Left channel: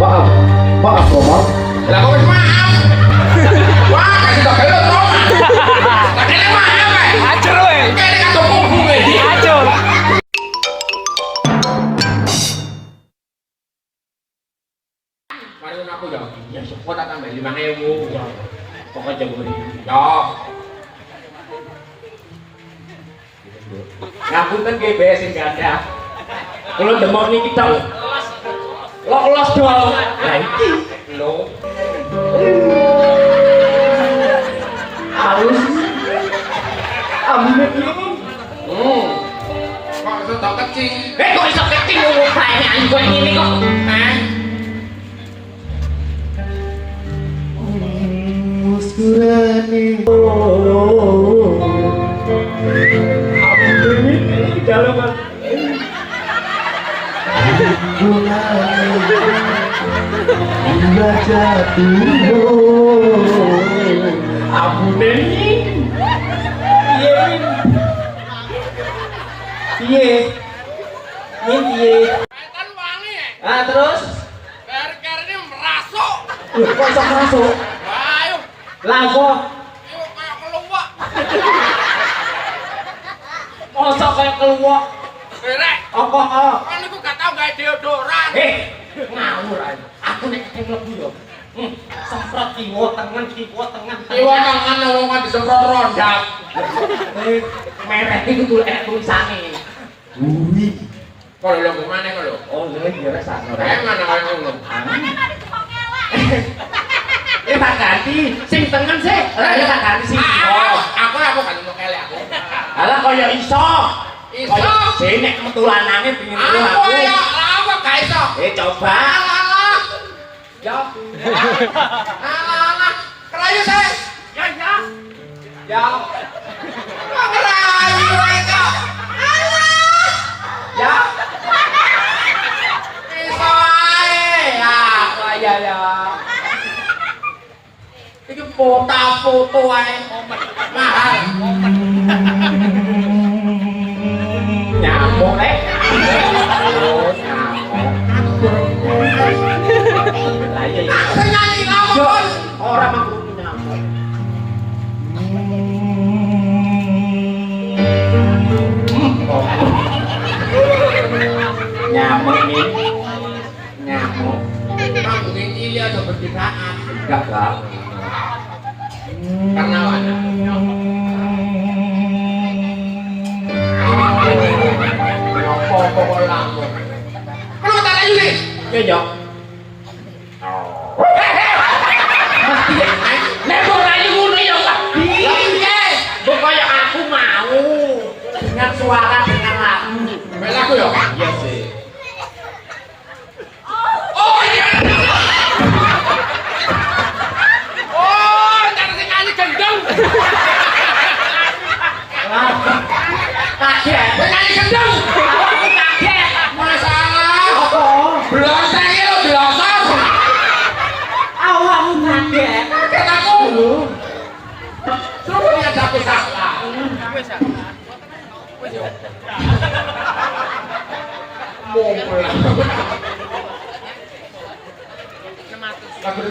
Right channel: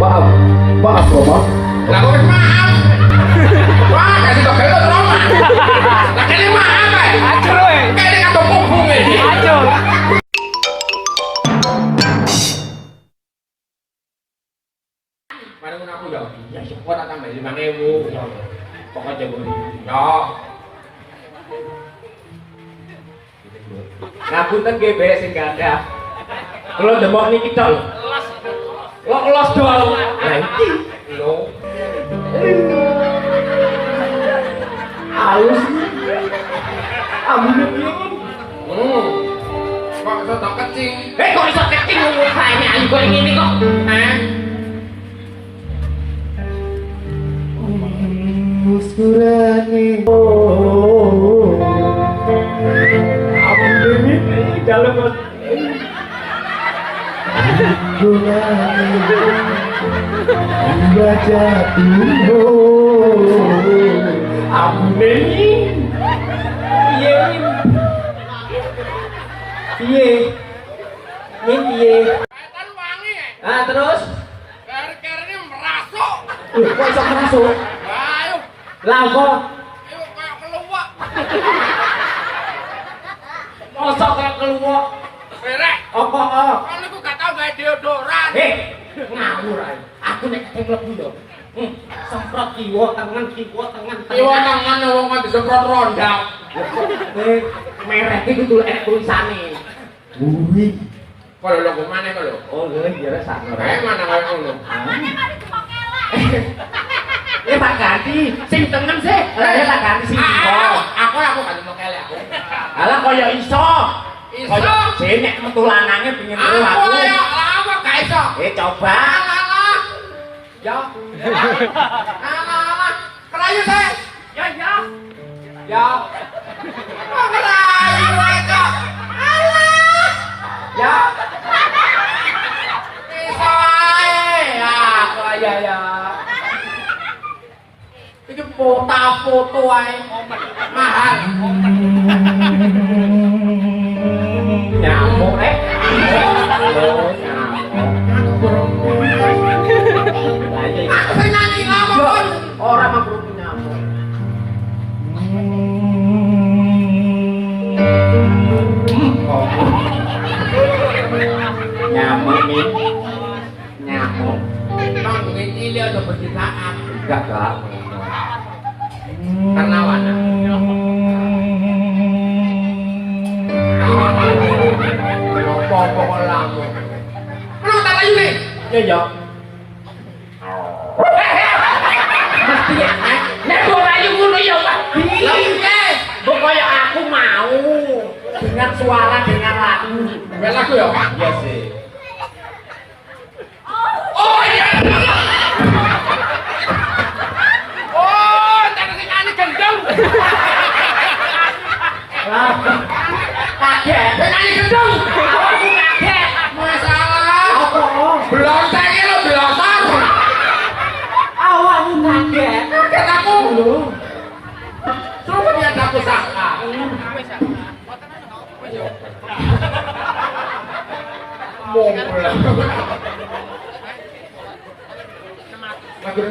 Maaf, maaf Romo. Lah kok wis maaf. Wah, kasih tak gelo trauma. Tak kene maaf ae. Acur ae. Kene kan topung iki. Acur. Mari aku ya. Ya sepot tak tambah 5.000. Pokoknya jebul. Yo. Ngapunten nggih bae sing gadah. Kula demok niki tok. Los dol. Lah iki lho. Halus. Ambune piye? Kok iso tak kecil? Kok iso kecil ngono bae ayu kok ngene kok. Muskurane. Ambune dalam baca tuh ambune piye piye kan wangi terus ker-kernya merasuk kok iso merasuk ayo lah kok yuk kayak keluak mosok kayak keluak rek apa kan niku gak tau gawe deodoran ngawur ae aku nek kate mlebu yo semprot kiwa tengen kiwa tengen wong kok disemprot rondak merek iki kudu enek tulisane bumi kok lho kok maneh kok lho oh iya rek sakno kae mana kaya ngono tak ganti sing tengen sih lah ya tak ganti sing aku gak mau kele aku alah kaya iso sing nek metu lanange pengin aku ya apa gak iso coba yo kerayu saya ya kerayu aja ya bisa ae ya iki foto ae mahal nyamuk aku nyanyi lamun ora mangkrut nyamuk nyamuk nih nyamuk bang ini dia ada percintaan enggak lah karena warna apa kok lamu kalau tak lagi nih ya yo mesti nek ora ngono ya Pak lha piye mbok kaya aku mau dengan suara dengan lagu lagu ya iya sih oh iya oh jangan sing nyanyi gendong kaget nyanyi gendong aku kaget masalah apa blonser iki lho blonser awakmu kaget kaget aku lho suruh dia aku salah mulai lagu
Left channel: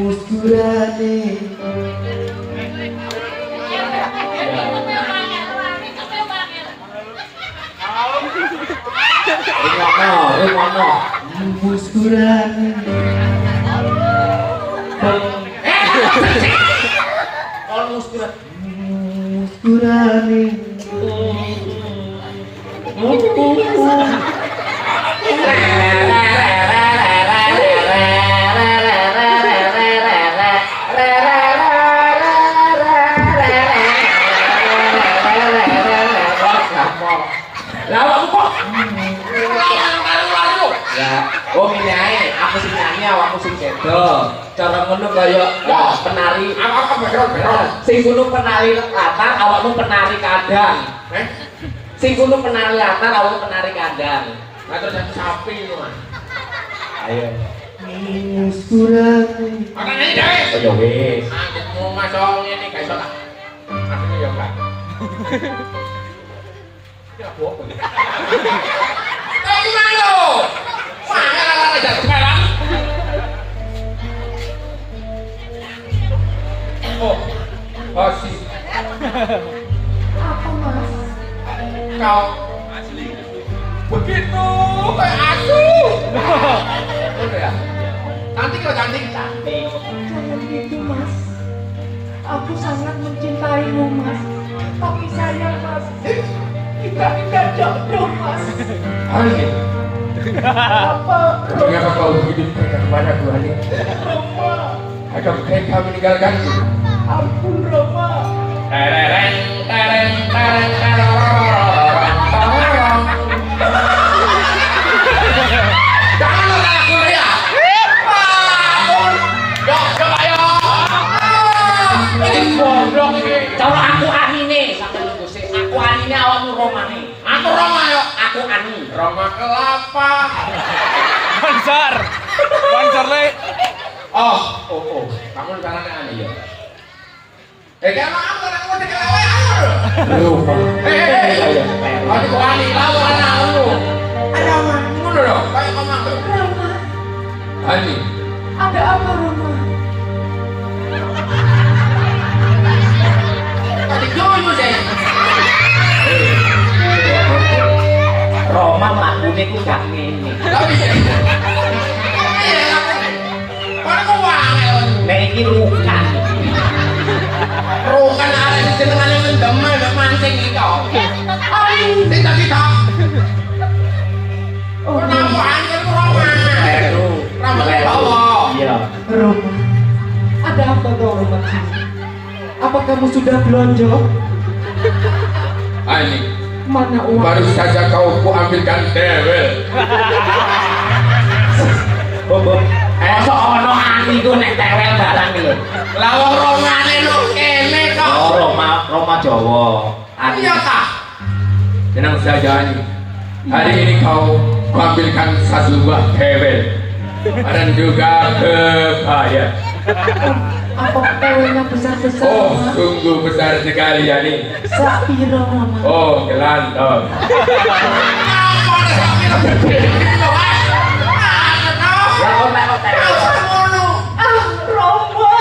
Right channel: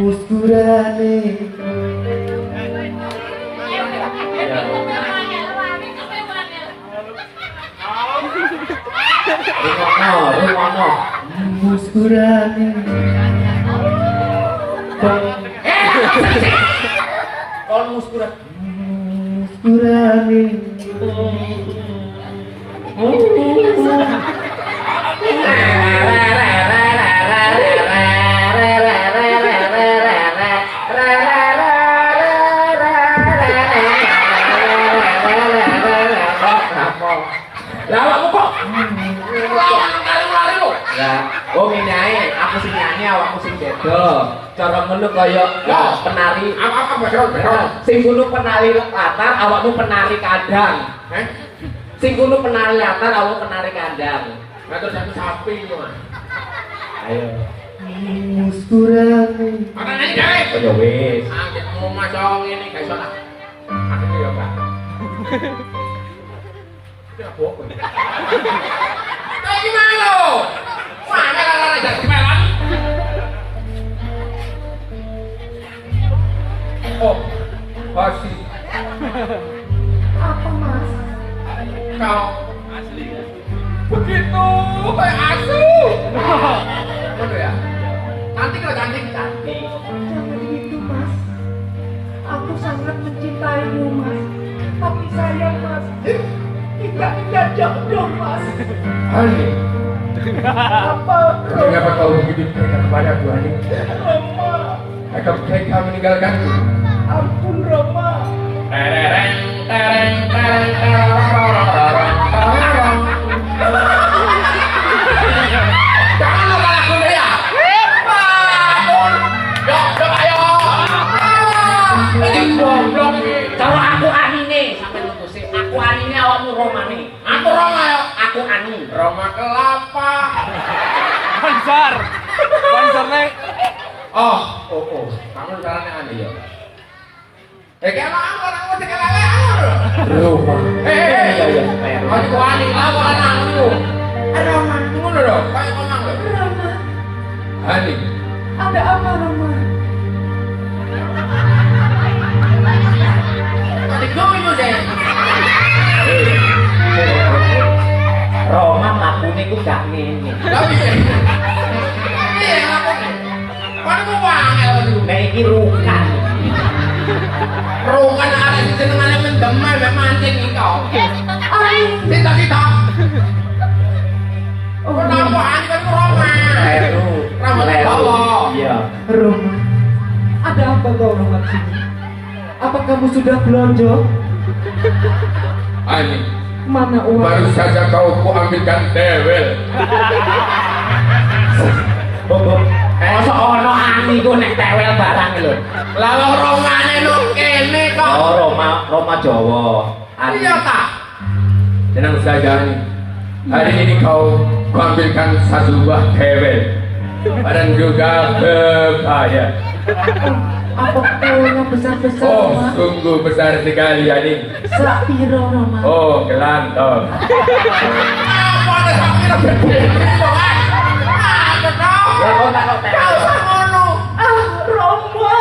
muskurane Ringono muskurane kalau muskurat muskurane lah awakmu kok lari-lari lho ya oh ngene ae aku sing nyanyi awakmu sing sedo cara ngono kaya penari apa beron sing kudu penari latar awakmu penari kadang sing kudu penari latar awakmu penari kadang terus aku sapi lho Mas ayo muskurane ana nyanyi gawe oh ya wis anggitmu masuk ngene gak iso tak aku ya enggak Kayak gimana lo? Wah, ini lara-lara jadi kepelan Apa mas? Kau begitu kayak asu. Udah ya. Cantik lah cantik. Jangan gitu mas. Aku sangat mencintaimu mas. Tapi sayang mas, kita tidak jodoh mas. Ani, Apa? mengapa kau begitu tega kepada Bu Ani? Roma, Agak tega meninggalkanku. ampun Roma. Tereng, tereng, tereng, tereng. Jangan lupa aku ya. Ampun. Yuk, coba yuk. Ini goblok ini. Kalau aku anine sampai nunggu sih. Aku anine awakmu romane. Aku Roma yuk. Aku anu. Roma kelapa. Banjar. Banjar le. Oh. Kamu caranya aneh ya. Jangan apa kamu tinggal lewat. Roma. Hei. Kau di kuali lawan anakmu. Roma, Ngono lho, kayak ngomong lho. Roma, Ani, ada apa Roma? tadi gue mau saya. Roma mlakune ku gak ngene. Tapi iya aku. Kau wangel. Nek iki rukan. Rokan ada jenengane mendemel mek mancing itu. Ai, Tita. oh Kenapa Roma, anjir Roma? Rambut dawa. Iya. Roma, ada apa kau Roma sini? Apa kamu sudah belanja? Ani, Mana uang? baru saja kau kuambilkan dewel. Bob. Mosok ono ani ku nek tewel barang lho. Lalu rongane no kene kok. Oh, Roma Jawa. Ani. Iya tak? Tenang saja Ani. Hari ini kau ambilkan satu buah dewel dan juga kebaya. Apa kawenya besar-besar Oh, Roma? sungguh besar sekali Ani. Sapiro Roma? Oh, gelantong. Apa ada sakit gede gitu ah? Ada kau. Ya kok nek kok Kau tewel. ngono. Ah Roma,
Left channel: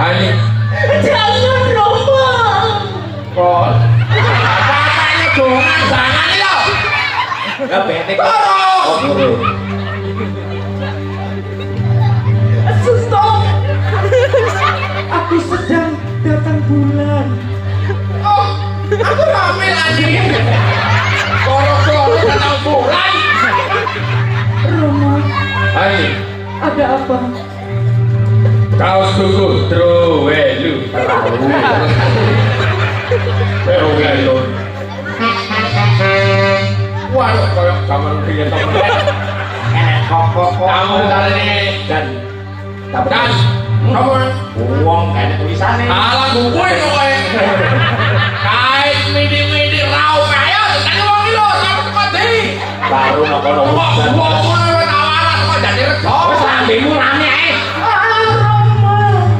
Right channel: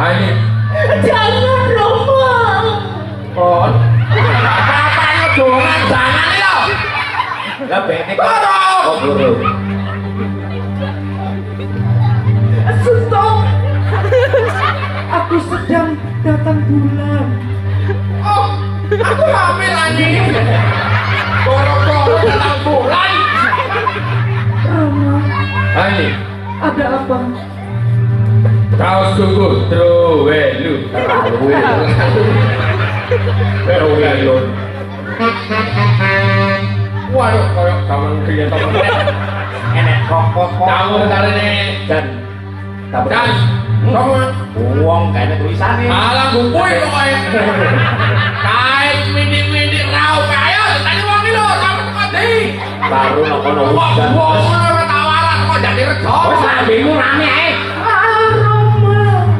Ani, jangan Roma. Kon. Apa-apanya dongan jangan lo. Lah bete kok. Boro. Oh, boro. Stop. Aku sedang datang bulan. Oh, aku hamil anjing. Goro-goro datang bulan. Roma, Ani, ada apa? kau sungguh trowelu. Trowelu. Waduh, koyok zaman pilih temen. Enek kok. Kamu caranya Dan dan kamu wong gak ada tulisane. Alang kuwi kok kae. Kae mindi-mindi rau kaya tadi wong lho sampe teko di. Baru nokono Wong udan. wis tawaran kok jadi rego. Wis lambemu rame ae. Ah Roma,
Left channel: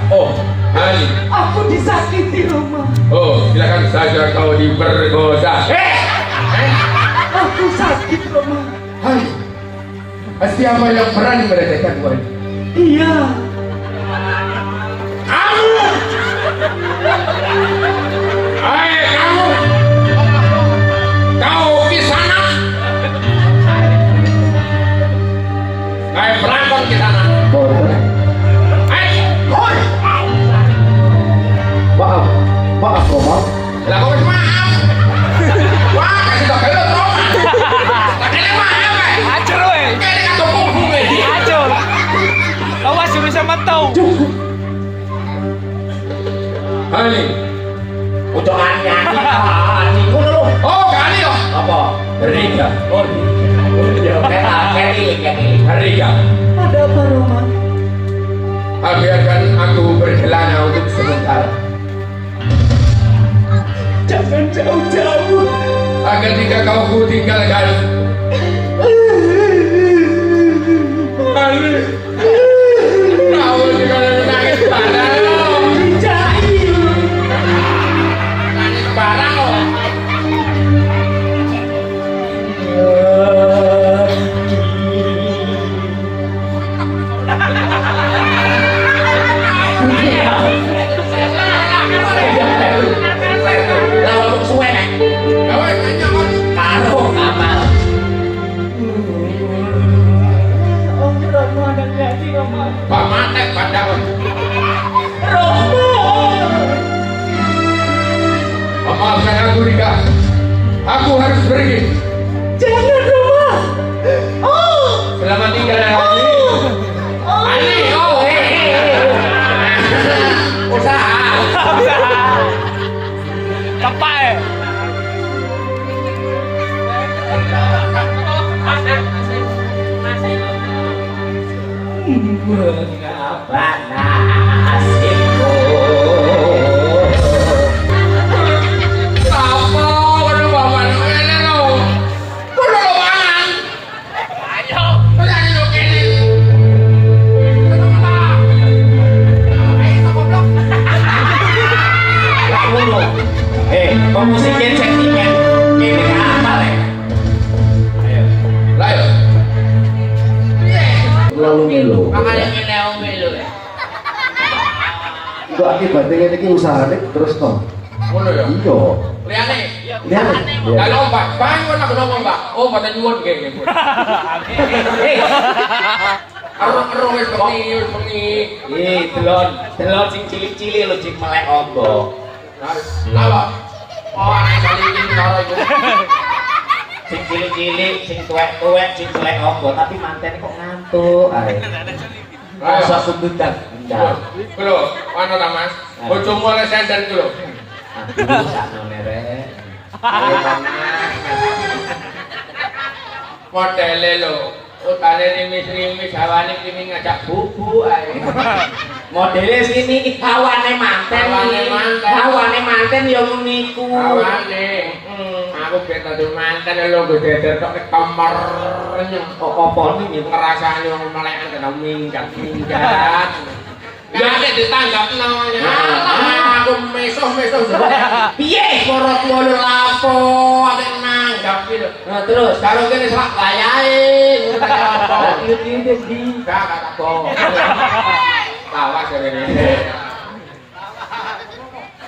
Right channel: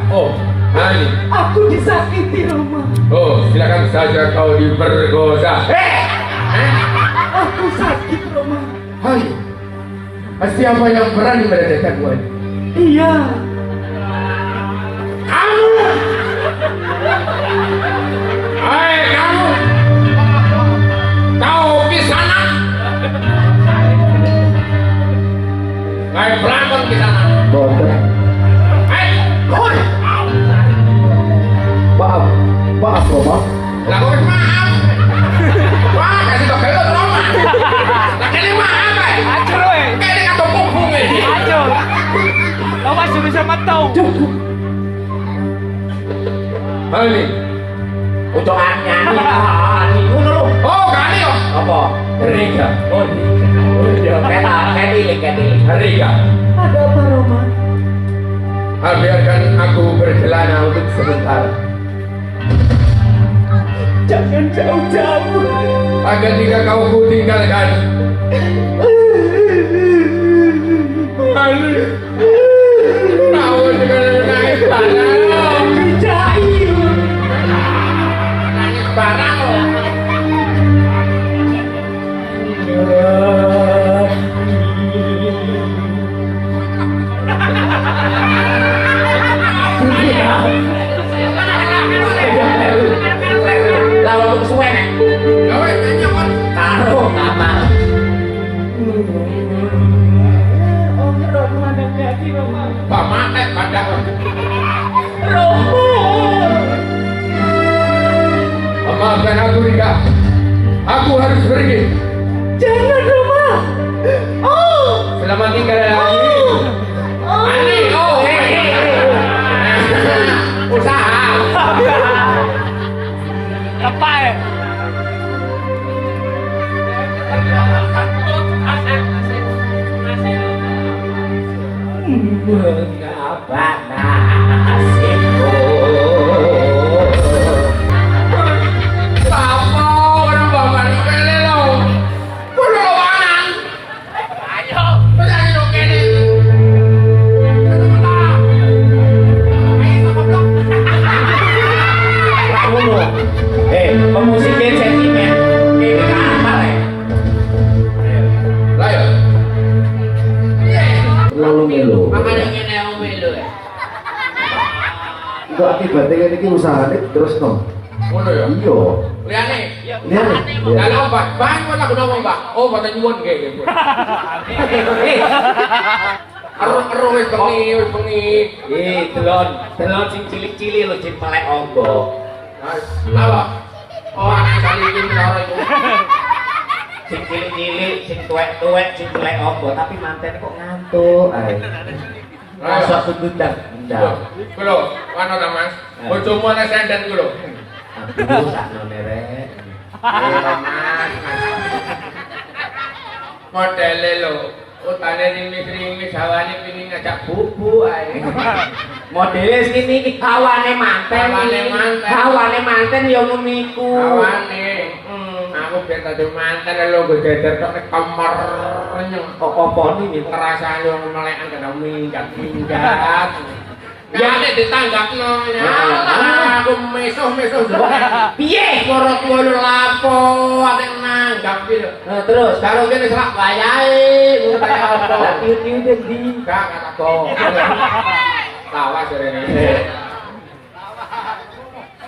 oh, Ani. aku disakiti Roma. Oh, silakan saja kau diperkosa. Aku sakit Roma. Hai. Siapa yang berani melecehkan gue? Iya. Kamu. Hai kamu. Kau di sana. Kayak berantem di sana. Hai, kon. Maaf, maaf Roma. Lah kok wis maaf. Wah, kasih tau kayak lo Lah ini maaf ae. Acur we. Kayak kata punggung ini. Acur. Awas suruh sama tahu. Cukup. Ani, Ucok ani ngono lho. Oh, kali yo. Apa? Rika, Oh, iya. Kayak Rika. Ada apa Roma? Biarkan aku berkelana untuk sementara. Jangan jauh-jauh. Agar jika kau ku tinggalkan, Kali. Kau juga nangis barang. Dijahit. Nangis barang lo. pamatek kadang. Romo. Maafkan aku Rika. Aku harus pergi. Jangan Romo. Oh. Selamat tinggal lagi. Ani, oh, usaha. Apa ya? Mengapa nasibku? Apa? Waduh bapak ini lo. Kudu lawan. Ayo. Tanya lo kene. Ngono. Pemusiknya sentimen. Ini apa ya? Lah ya. Lalu melo. Makanya ngene melu. Kok akibatnya ini usahanya terus no. Ngono ya. Iya. Liane. Lihat nih. Lah lho Mbak, bangun aku ngomong Mbak. Oh, pada nyuwun nggih. Ero wis bengi. Delon sing cilik-cilik lho jek melek ombo. Lah Pak. Oh, anak kali iki loro iku. Sing cilik-cilik, sing tuwek-tuwek, sing melek ombo tapi manten kok ngantuk ae. Masa kudutan ndang. Kulo, ana ta Mas? Bojomu ana senden kulo. Aku sakmene rek. Oh, Mas. Modele lho. Utane rimis-rimis hawane kini ngajak bubu ae. Modele sini iki hawane manten. Hawane manten ya ngono iku. Hawane. Aku ben tadi manten lho nggo deder tok nek kamar renyeng. Kok apa iki Ngerasani wong melekan kena minggat. Ya nek ditanggapno ya. Aku mesuh-mesuh. piye? Para tuwa lho lapo ate nanggap iki lho. Nah terus Karo kene selak gayahe ngono ta apa. tiup-tiup di Gak kok. Lawas rene.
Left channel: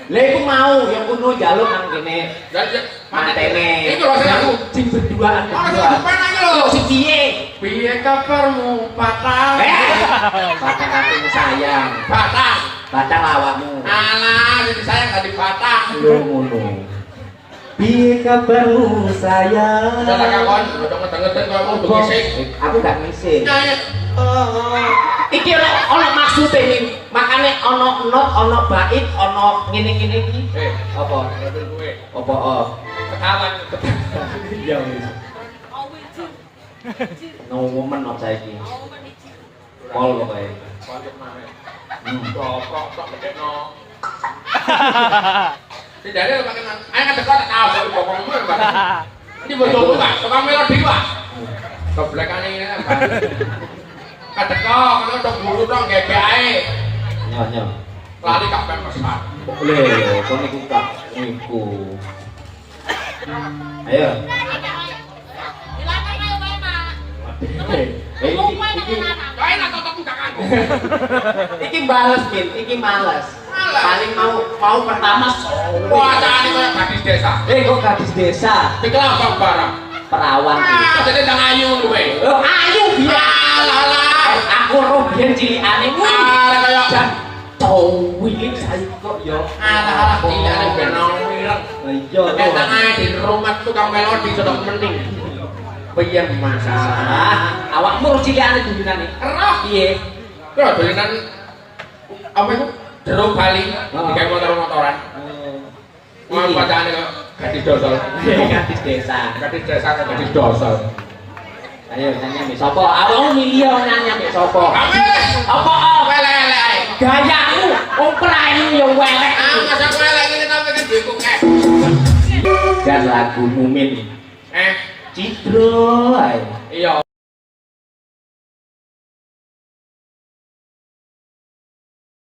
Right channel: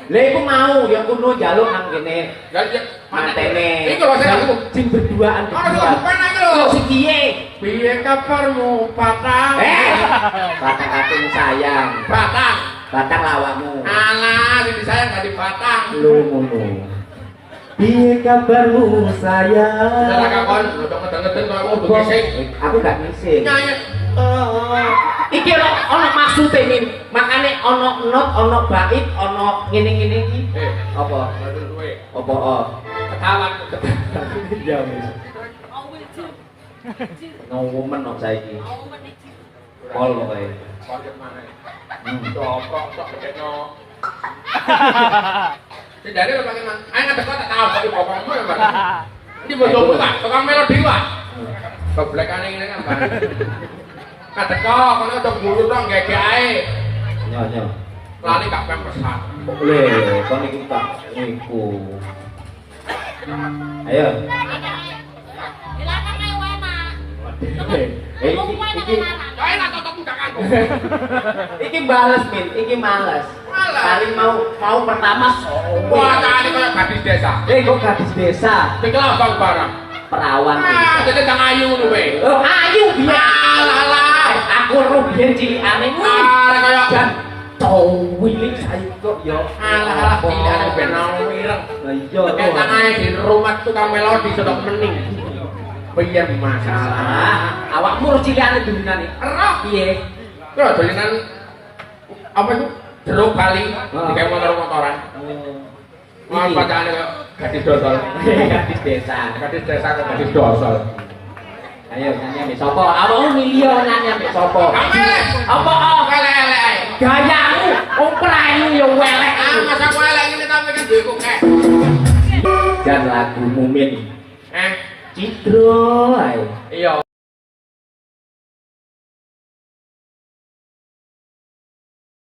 lha iku mau yang kuno jaluk nang kene Lah mantene. Iku lho sing aku sing berduaan ana berdua. sing pengen iki lho. Si piye? Piye kabarmu, Patang? Batang hatimu sayang. Batang. Batang lawakmu. Alah, jadi sayang gak di Batang. Lu ngono. Piye kabarmu sayang? Udah tak kakon, ngedeng-ngedeng koyo mau ngising. Aku gak ngising. Nyanyi. Iki ono maksude nih. Makane ono not, ono bait, ono ngene-ngene iki. Apa? Ngerti kowe. Apa? Oh. Ketahuan. Iya wis. No woman of saiki. Pol pokoke. Kondet maneh. Dopok tok gedeno. Tidak ada pakai nang. Ayo ngadek tak tahu kok bokongmu ya, Pak. Ini bodohmu Pak, tukang melodi Pak. Keblekane ngene Pak. Kadek kok kono udah guru dong gege ae. Nyo. Lali kak pemesan. Lho, kon iku tak iku. Ayo. Iki Kae nak totok gak kanggo. iki bales, Min. Iki males. Paling mau pertama Wah, cari koyo gadis desa. kok gadis desa, Iki lambang barang. perawan. Dene ndang ayu lho kowe. Oh, ayo biar Alah. aku rubian cilikane Arek kaya dan cowok saiki kok ya. alah tidak ben wireng. Lah iya Nek nang ae di rumah tukang melodi sedok mening. Piye masalah? Awakmu cilikane dulungane. Roh Piye? lho dolanan apa itu? Jeruk Bali digawe motor-motoran. Mau bacane kok gadis dosol. Gadis desa. Gadis desa gadis dosol. Ayo nyanyi sapa? Awakmu milih nyanyi ambek sapa? Kamele. Apa? Welek-welek ae. Gayamu prayu ya welek. Masa kowe lek ngene tapi kan dikukek. Dan lagu Mumin Eh, Citro ae. iya.